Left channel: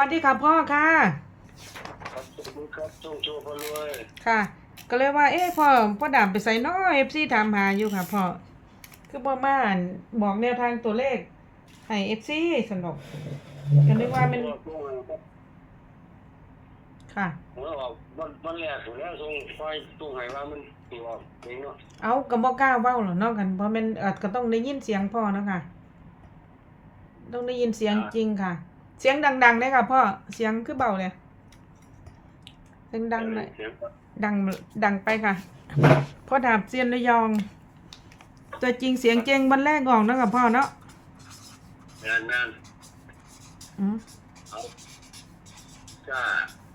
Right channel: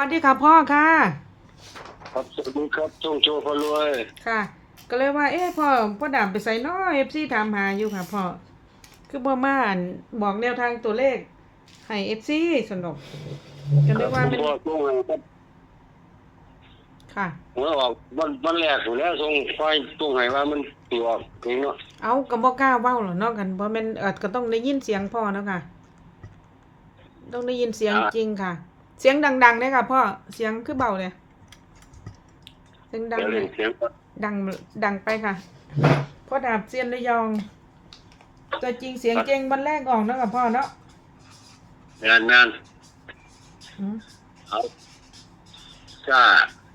วัสดีค่ะพ่อค่ะ ครับสวัสดีครับจงโชว์พลวยค่ะ ก็เลยว่า เอ๊ะพ่อพ่อดำไปใส่น้อยเอฟซีถามหาอยู่ค่ะพ่อคือพ่อมาอั่นบอกแนวทางตัวเลขให้เอฟซีสนุกก็เลยว่ามันพ่อส่งให้ครับค่ะ เมื่อออกวันวันแรกอยู่แล้วส่งไฟส่งให้ว่ามันตีออกเองเนาะเอาก็บ่กล้าเว้าหรอกเนาะกันเพราะมันเออก็ต้องได้ยินเสียงพ่อเนาะค่ะ ต้องได้ยินเสียงจริงค่ะ เสียงดังๆเลยค่ะพ่อ เสียงคือเบาเลยเสียงดังเลยเสียงก็ดังดังไปค่ะพ่อดาบเซียนระยอง ตัวจริงเสียงเจงวันแรกออกเนาะกับพ่อเนาะงานงานอืมเอากล้า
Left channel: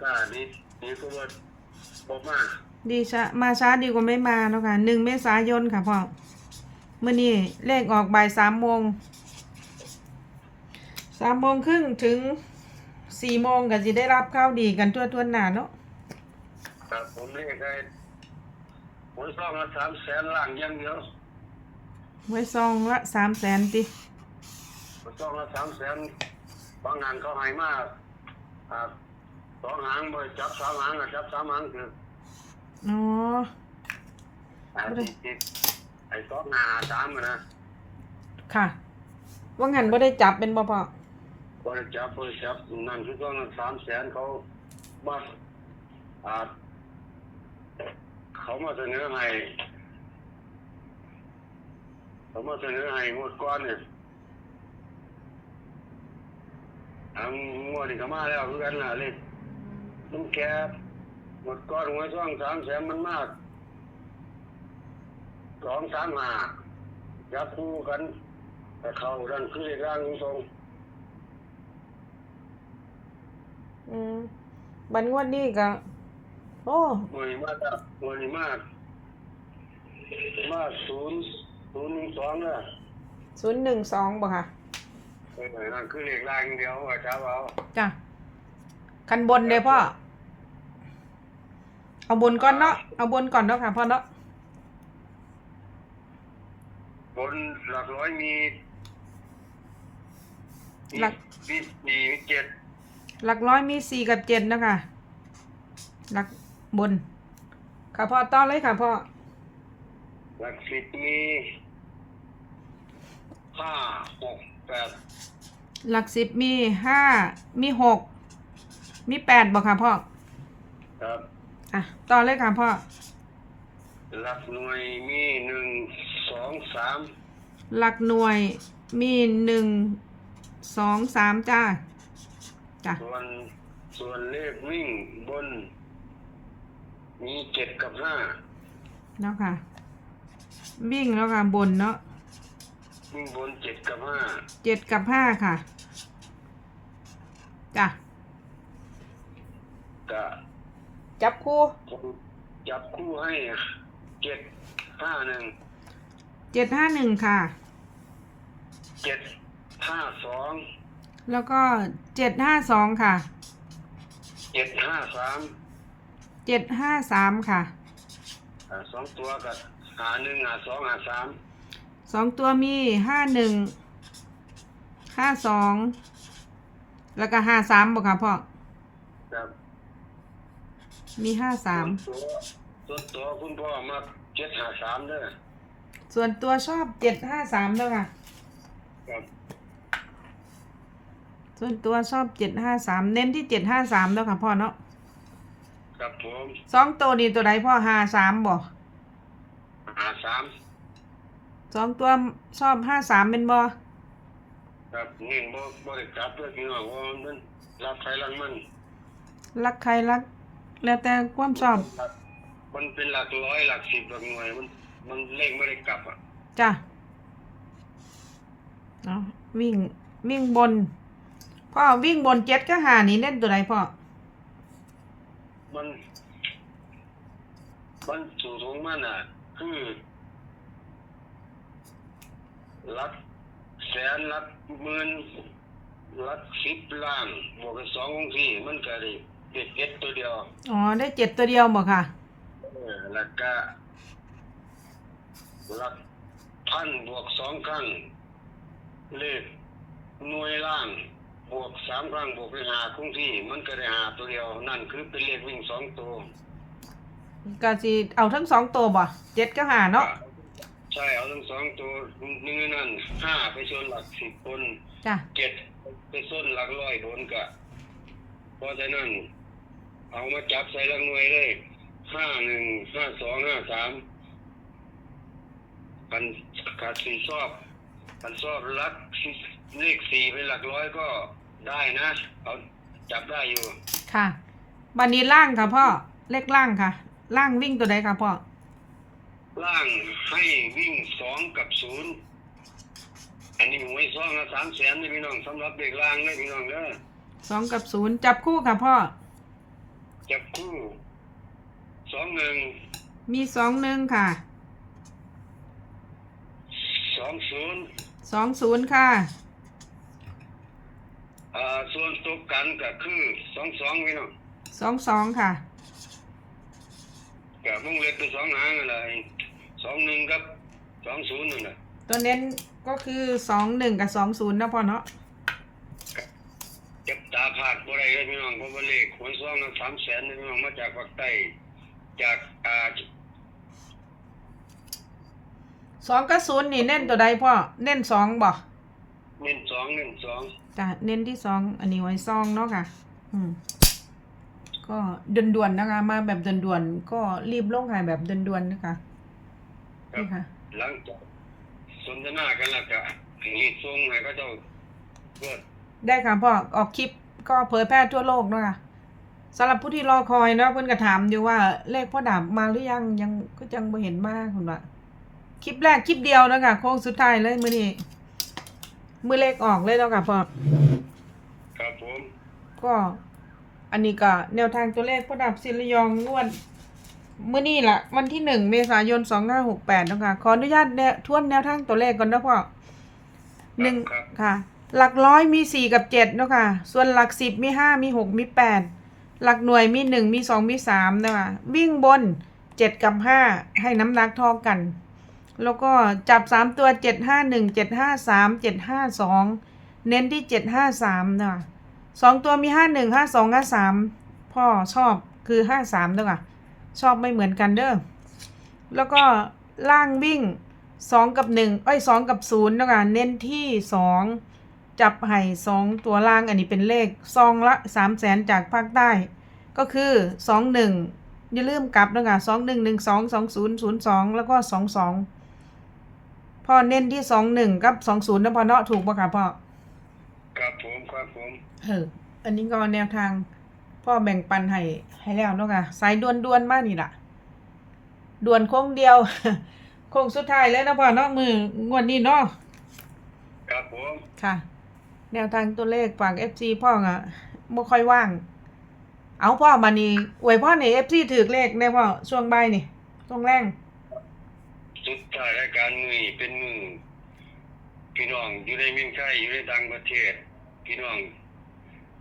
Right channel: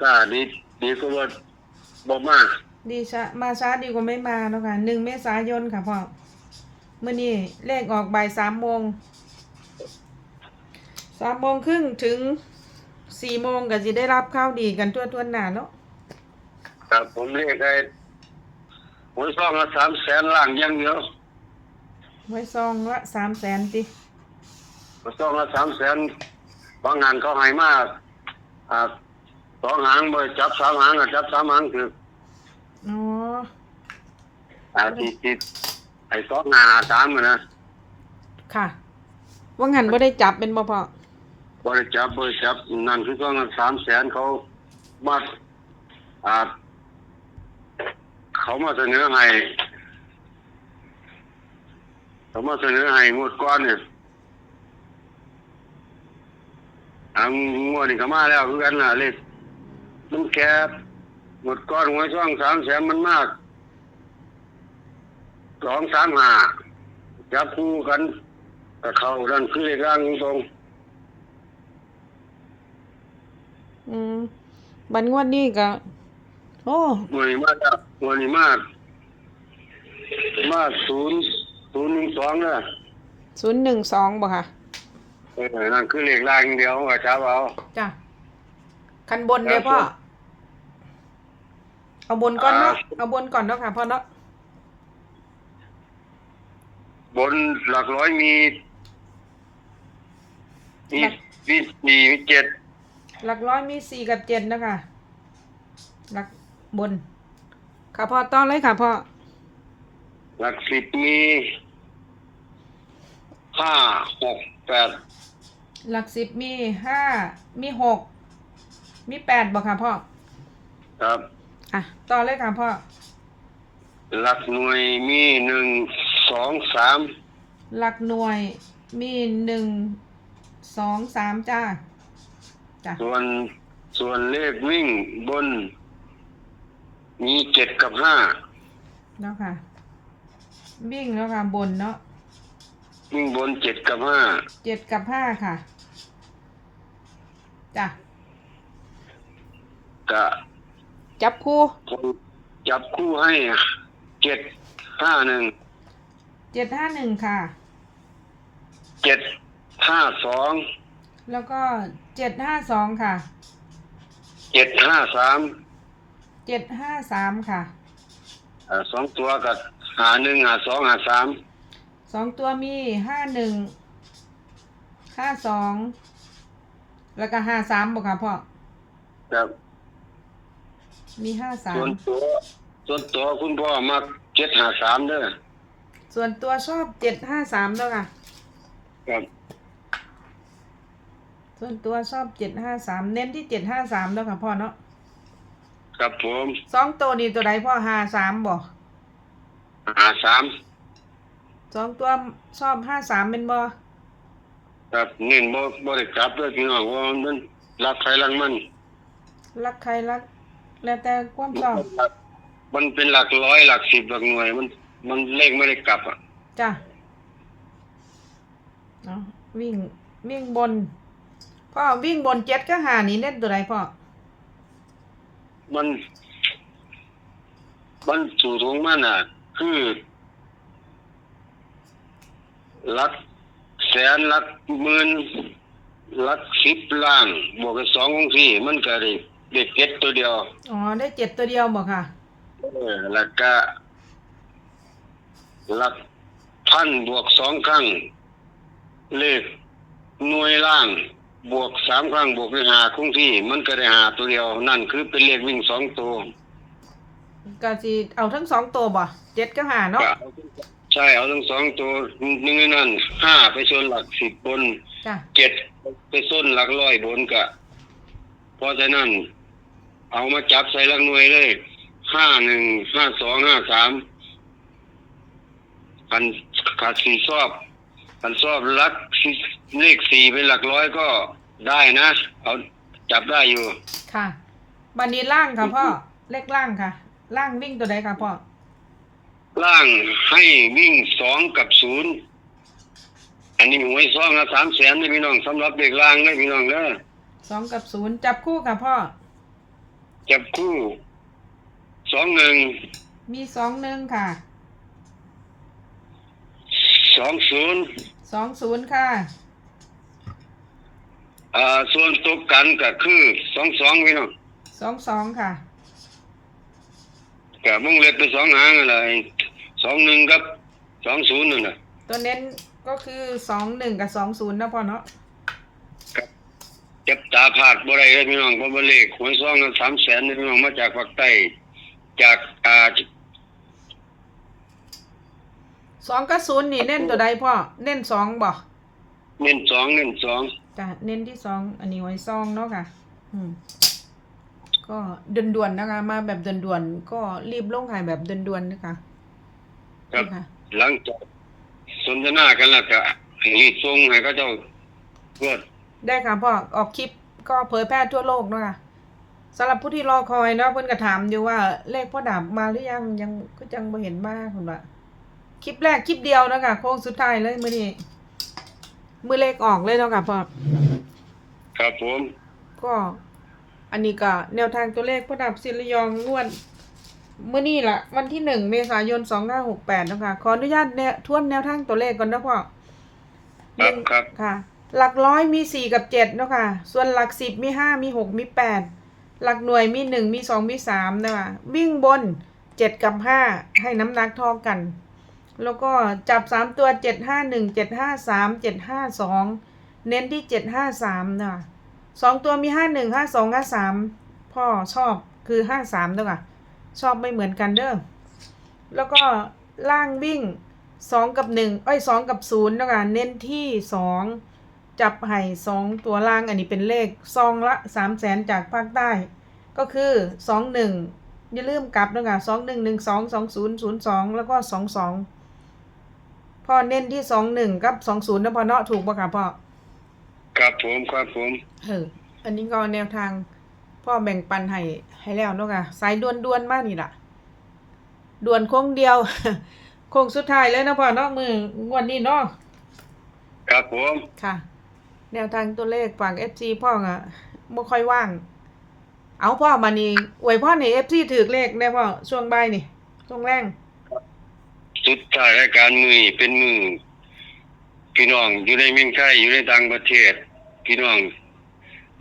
กล้าดีดีก็ว่าบ่มากดีช้ามาช้าดีกว่าไม่มาเนาะค่ะหนึ่งเมษายนค่ะพ่อเมื่อนี้เลขออกบ่ายสามโมง สามโมงครึ่งถึงสี่โมงก็จะได้รับข้าวดีกันทั่วทั่วๆหน้าเนาะครับผมเรียกไอ้หวยซองละสามแสนล่างอย่างเดียวไว้ซองละสามแสนติหวยซองละสามแสนบางงานเขาให้มากอ่าสองหางบ่จับสามหางก็จับสามหางคืออ๋ออ่าที่ที่ไอ้สองหาสามอะนะค่ะ ว่างันบ่ได้จับเป็นบ่พ่อ บริจับบริจับนั่นคือก็สามแสนเขามาอ่าเขามาเสนอให้เขามาเสนอให้งวดก้อนเนี่ยอางวดนี่ก็มาแล้วคือกันนะเลขมันแคบงวดก้อนหวช่องสามแสนมันมากสองสามห้าจับคู่กันกับเขาดันคือเลขร่างตรง อืมบันงวดนี้ก็โอ้หน่วยมากครับหน่วยนี้มากมากศูนย์ศูนย์หนึ่งสองเนี่ยศูนย์หนึ่งสองบ่ค่ะเออนั่นคือเลขล่างอย่างเดียวว่าจะเอาจ้ะคันบนเด้อพ่อเอาบนก่อนเนาะเอาบนก่อนเนาะค่ะพ่อเนาะบนหลักร้อยมีมีหลักมีสี่มีเจ็ด หลักร้อยมีสี่กับเจ็ดเนาะค่ะหลักบน ค่ะพ่อต้องเลยค่ะพ่อ หลักสิบมีห้าหกแปดหลักสิบมีห้ามีหกมีแปดบ่ค่ะพ่อ ครับ อะ ต่อเลยค่ะพ่อ หลักหน่วยมีหนึ่งสองสามหลักหน่วยมีหนึ่งสองสามจ้า จ้ะ ส่วนส่วนเลขวิ่งบน มีเจ็ดกับห้าเนาะค่ะ วิ่งแล้วค่ะบนเนาะวิ่งบนเจ็ดกับห้าเจ็ดกับห้าค่ะ จ้ะ กะจับคู่ผมจับคู่ให้เจ็ดห้าหนึ่งเจ็ดห้าหนึ่งค่ะ เจ็ดห้าสอง แล้วก็เจ็ดห้าสองค่ะเจ็ดห้าสามเจ็ดห้าสามค่ะสองตัวกับหาหนึ่งหาสองหาสามสองตัวมีห้าหนึ่งห้าสองแล้วก็ห้าสามบอกค่ะพ่อครับมีห้าสาส่วมนตัวส่วนตัวคุณพ่อมาเจ็ดหาสามเด้อส่วนตัวชอบเจ็ดห้าสามด้วยค่ะครับ ส่วนตัวชอบเจ็ดห้าสามเน้นที่เจ็ดห้าสามด้วยค่ะพ่อเนาะครับผมสองตัวนี้ตัวใดพ่อห้าสามบอกหาสามสองตัวชอบห้าสามเป็นบอครับเน้นบ่บ่ได้จับเด้อพี่น้องว่ามันรักใครรักมันรักใครรัก แล้วแต่ความชอบมันเป็นหลักร้อยหลักสิบหลักหน่วยมัน มันเลขไม่ได้กลับอะจ้ะเนาะวิ่งวิ่งบน พ่อวิ่งบนเจ็ดก็หานี่เล่นตัวใดพ่อ มันมันสูงสูงมันอะ คือหลักแสนหลักหมื่นหลักสิบล้านบวกกับสองของสี่มันก็ได้เด็กเก็ดตัวเดียว อ๋อ ได้เจ็ดตัวเดียวบอกค่ะ เออแล้วก็หลักพันบวกสองครั้ง เลขหน่วยล่าง บวกสามครั้งบวกด้วยหาคงที่ มันก็ได้หาตัวเดียว นั่นคือเป็นเลขวิ่งสองตัวก็สิเอาทั้งสองตัวบ่เจ็ดก็หาเนาะใช่เอาทั้งสองตัวหนึ่งในนั่นห้าไปส่วนหลักสิบบนจ้ะเจ็ดไปส้นหลักร้อยบนกะเพราะฉะนั้น เอามาจับใส่หลักหน่วยเลยห้าหนึ่งห้าสองห้าสามอันขาดสี่ซอบ อันซอบหลักสี่เลขสี่เป็นหลักร้อยก็ได้นะเอาจับได้อยู่ค่ะบันนี้ล่างค่ะพ่อเลขล่างค่ะ ล่างวิ่งตัวใดค่ะพ่อล่างให้วิ่งสองกับศูนย์อันนี้หวยซองละสามแสนเลยพี่น้องสำหรับเด็กล่างเลยพี่น้องเด้อสองกับศูนย์จับคู่ค่ะพ่อจับคู่สองหนึ่งมีสองหนึ่งค่ะสองศูนย์ สองศูนย์ค่ะอ่าส่วนตกกันก็คือสองสองพี่น้องสองสองค่ะกับมุ่งเล็บไปสองหางอะไรสองหนึ่งกับสองศูนย์นั่นแหละตัวเน้นก็คือสองหนึ่งกับสองศูนย์นะพ่อเนาะจับตาผาดบ่ได้เลยพี่น้องเพราะว่าเลขหวยซองละสามแสนพี่น้องมาจากภาคใต้ จากอ่า สองกับศูนย์นี่เน้นตัวใดพ่อ เน้นสองบ่เน้นสองเน้นสองจ้ะเน้นที่สองอันนี้ไว้ซองเนาะค่ะ อืม ก็ด่วนๆนะคะ มาแบบด่วนๆก็รีบลงขายแบบด่วนๆนะคะครับนี่ค่ะ หลังจากสนทนากันแล้วก็รีบส่งให้เขาเจ้าเพื่อ ได้ค่ะพ่อออกคลิปก็เผยแพร่ทั่วโลกเนาะค่ะสำหรับผู้ที่รอคอยเนาะเพิ่นก็ถามอยู่ว่าเลขพ่อดาบมาหรือยังยังก็ยังบ่เห็นมาคุณว่า คลิปแรกคลิปเดียวเนาะค่ะโค้งสุดท้ายเลยมื้อนี้มื้อเลขออกเลยเนาะค่ะพ่อครับผมก็ อันนี้ก็แนวทางตัวเลขพ่อดาบศิริยองงวดมื้อนี้ล่ะวันที่หนึ่งเมษายน2568เนาะค่ะขออนุญาตแนวทวนแนวทางตัวเลขก่อนนะพ่อคหรันึ่บงครับค่ะ หลักร้อยมีสี่กับเจ็ดเนาะค่ะส่วนหลักสิบมีห้ามีหกมีแปดหลักหน่วยมีหนึ่งมีสองมีสามเนาะคะวิ่งบนเจ็ดกับห้าให้น้ำหนักเท่ากัน แล้วก็จับสามตัวเจ็ดห้าหนึ่งเจ็ดห้าสามเจ็ดห้าสองเน้นที่เจ็ดห้าสามนะสองตัวมีห้าหนึ่งห้าสองห้าสามพ่อชอบคือห้าสามเนาะค่ะชอบไม่เหมือนกันเด้อแล้วก็ล่างวิ่งสองกับหนึ่งเอ้ยสองกับศูนย์เนาะคะเน้นที่สองจับไห่สองตัวล่างอันนี้เป็นเลขซองละสามแสนจากภาคใต้ ก็คือสองหนึ่งอย่าลืมกลับเนาะคะสองหนึ่งหนึ่งสองสองศูนย์ศูนย์สองแล้วก็สองสอง พ่อเน้นที่สองหนึ่งกับสองศูนย์นะพ่อเนาะถูกปะคะพ่อครับผมครับผมเอออันนี้ก็แนวทาง พ่อแบ่งปันให้ให้แล้วเนาะค่ะสายด่วนด่วนๆมากนี่ล่ะด่วนโค้งเดียวโค้งสุดท้ายเลยนะพ่อเนาะมืองวดนี้เนาะครับผมค่ะ แนวทางตัวเลขฝาก FC พ่ออะบ่ค่อยว่าง เอาพ่อมานี่อวยพ่อนี่ FC ถือเลขได้พ่อช่วงบ่ายนี่ช่วงแรง สุดท้ายรายการมือเป็นมือพี่น้องอยู่ในเมืองไทยอยู่ในต่างประเทศ พี่น้อง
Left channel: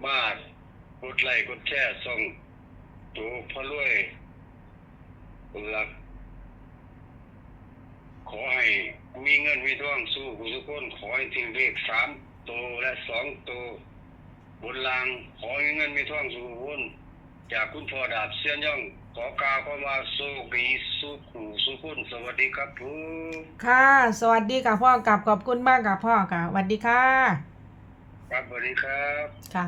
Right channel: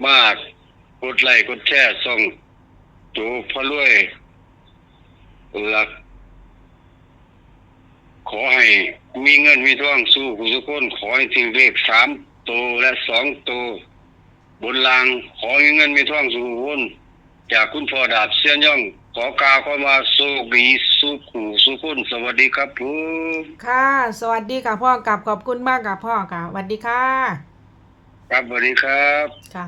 มากกดไลค์กดแชร์ส่งโจพระรวยหลัก ขอให้มีเงินมีทองสู้ผู้สุคนขอให้ถึงเลขสามโตวและสองโตวบนลางขอให้เงินมีทองสู้คนจากคุณพ่อดาบเสียนย่อง ขอกาเข้ามาโชคดี สู้ขู่สู้คนสวัสดีครับผมค่ะ สวัสดีค่ะพ่อกลับขอบคุณมากค่ะพ่อค่ะสวัสดีค่ะ ครับสวัสดีครับ ค่ะ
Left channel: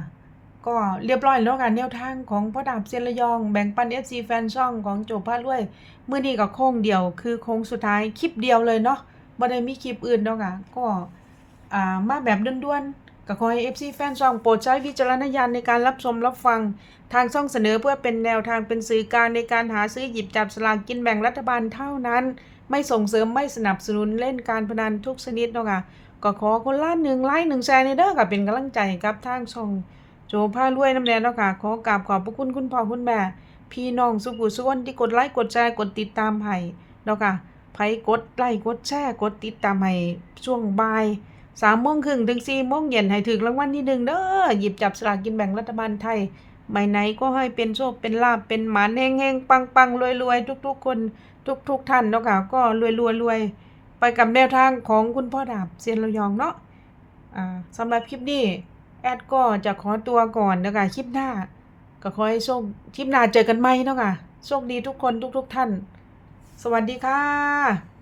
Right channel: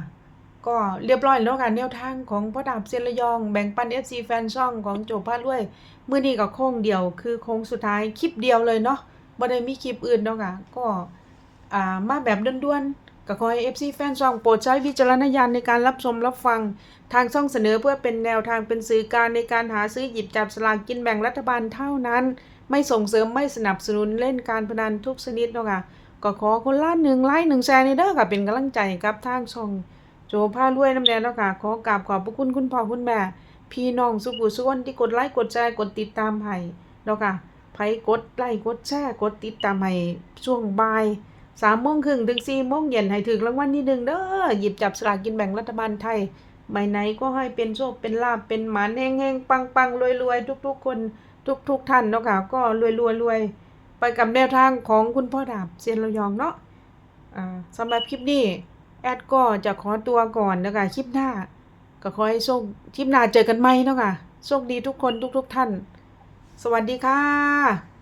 ก็เรียบร้อยแล้วค่ะแนวทางของพ่อดาบเซียนระยอง แบ่งปัน FC แฟนช่องของโจพาด้วยมื้อนี้ก็โค้งเดียว คือโค้งสุดท้ายคลิปเดียวเลยเนาะบ่ได้มีคลิปอื่นเนาะค่ะก็อ่ามาแบบด่วนๆ ก็ขอให้ FC แฟนช่องโปรดใช้วิจารณญาณในการรับชมรับฟัง ทางช่องเสนอเพื่อเป็นแนวทางเป็นสื่อกลารในการหาซื้อหยิบจับสลากกินแบ่งรัฐบาลเท่านั้น ไม่ส่งเสริมไม่สนับสนุนเล่นการพนันทุกชนิดเนาะค่ะก็ขอคนละหนึ่งไลค์หนึ่งแชร์ในเด้อค่ะเป็นกำลังใจกับทางช่องโจผ้ารวยน้ำแดงเนาะค่ะขอกราบขอบพระคุณคุณพ่อคุณแม่ พี่น้องสุขุสุขนที่กดไลค์กดแชร์กดติดตามให้เนาะค่ะไผ่กดไลค์กดแชร์กดติดตามให้ช่วงบ่าย สามโมงครึ่งถึงสี่โมงเย็นให้ถึงรางวัลที่หนึ่งเด้อหยิบจับสลากกินแบ่งรัฐบาลไทยใบไหนก็ให้เป็นโชคเป็นลาบเป็นหมานแห้งๆปังๆรวยๆทุกๆคนทุกๆท่านเนาะค่ะก็รวยๆรวยไปกับแนวทางของคุณพ่อดาบเซียนระยองเนาะอ่าสำหรับคลิปนี้แแอดก็จะขอตัวก่อนนะคะคลิปหน้า ก็ขอให้โชคคลิปหน้าเจอกันไหมเนาะค่ะโชคดีทุกคนทุก ๆ ท่าน สวัสดีค่ะ